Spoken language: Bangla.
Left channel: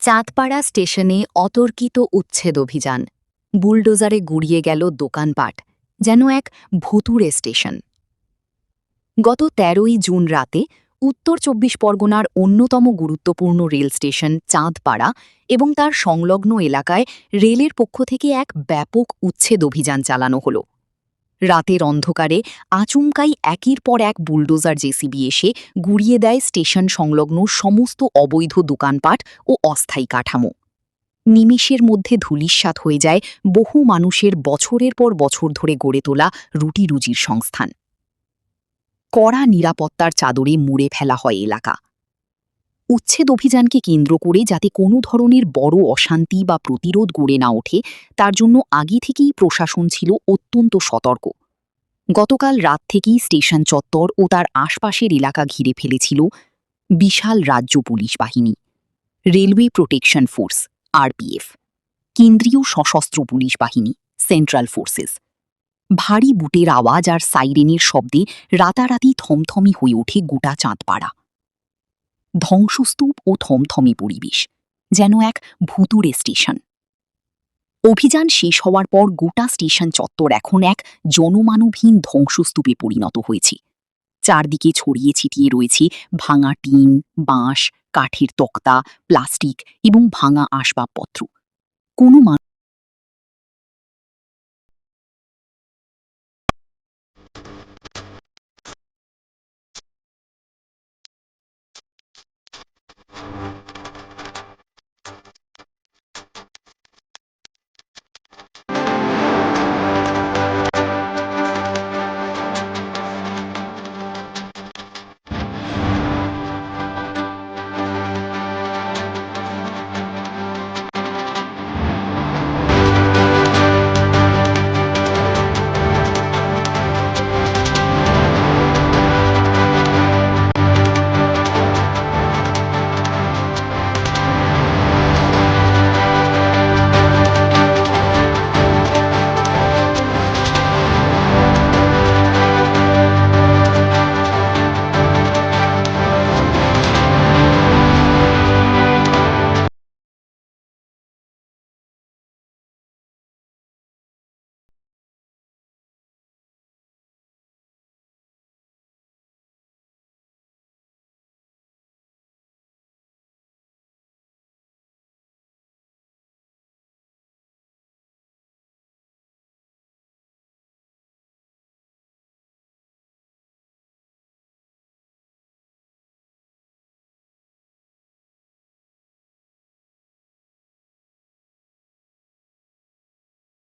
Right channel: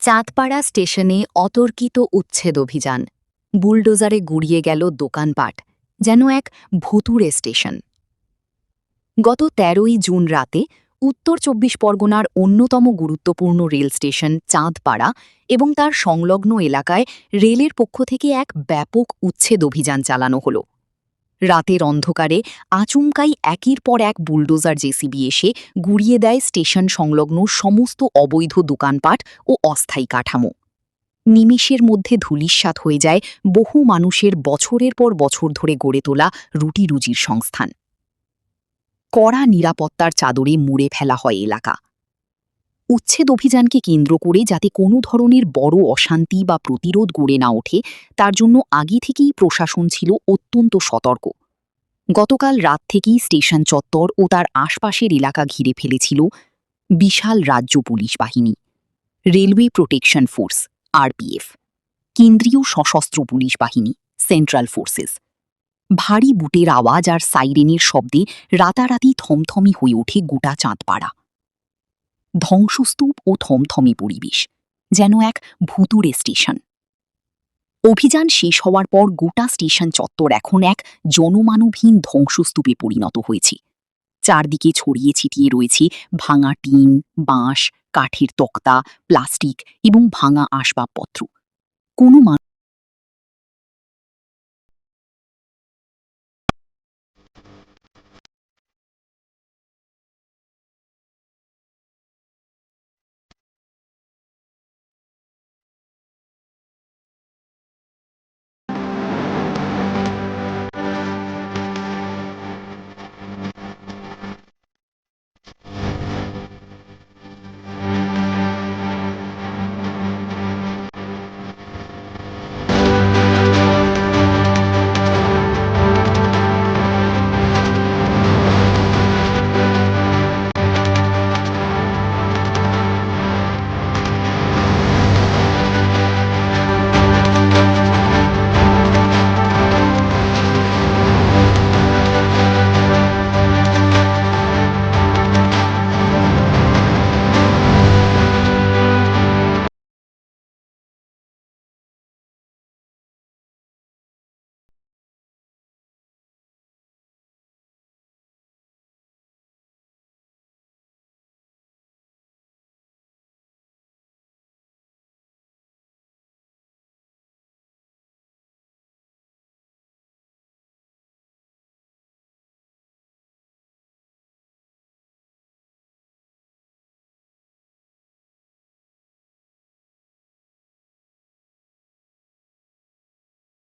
চাঁদপাড়া স্টেশনে অতর্কিত উচ্ছেদ অভিযান। বুলডোজারে গুড়িয়ে গেল দোকানপাট, যেন এক ভুতুড়ে স্টেশন। গত ১৩ই জুন রাতে উত্তর ২৪ পরগনার অন্যতম গুরুত্বপূর্ণ রেল স্টেশন চাঁদপাড়া এবং তার সংলগ্ন এলাকায় রেলের পক্ষ থেকে এক ব্যাপক উচ্ছেদ অভিযান চালানো হল। রাতের অন্ধকারে আচমকাই একের পর এক বুলডোজার জেসিবি এসে গুড়িয়ে দেয় স্টেশন সংলগ্ন সমস্ত অবৈধ দোকানপাট ও অস্থায়ী কাঠামো। নিমেষের মধ্যে ধূলিসাৎ হয়ে যায় বহু মানুষের বছরের পর বছর ধরে গড়ে তোলা রুটি-রুজির সংস্থান। কড়া নিরাপত্তার চাদরে মুড়ে ফেলা হয় এলাকা। উচ্ছেদ অভিযানকে কেন্দ্র করে যাতে কোনো ধরনের বড় অশান্তি বা প্রতিরোধ গড়ে না ওঠে, তার জন্য আগে থেকেই প্রশাসন ছিল অত্যন্ত সতর্ক। গতকাল রাত থেকেই স্টেশন চত্বর ও তার আশপাশের এলাকা ঘিরে ফেলেছিল বিশাল রাজ্য পুলিশ বাহিনী, রেলওয়ে প্রোটেকশন ফোর্স আরপিএফ, কেন্দ্রীয় সশস্ত্র পুলিশ বাহিনী সেন্ট্রাল ফোর্সেস। ভারী বুটের আওয়াজ আর সাইরেনের শব্দে রাতারাতি থমথমি হয়ে ওঠে গোটা চাঁদপাড়া। ধ্বংসস্তূপ ও থমথমে পরিবেশ, যেন এক ভুতুড়ে স্টেশন। অভিযান শেষ হওয়ার পর গোটা স্টেশন চত্বর এখন এক জনমানবহীন ধ্বংসস্তূপে পরিণত হয়েছে। চারদিকে ছড়িয়ে ছিটিয়ে রয়েছে ভাঙা টিন, বাঁশ, কাঠের তক্তা, প্লাস্টিক এবং ভাঙা আসবাবপত্র। কোনো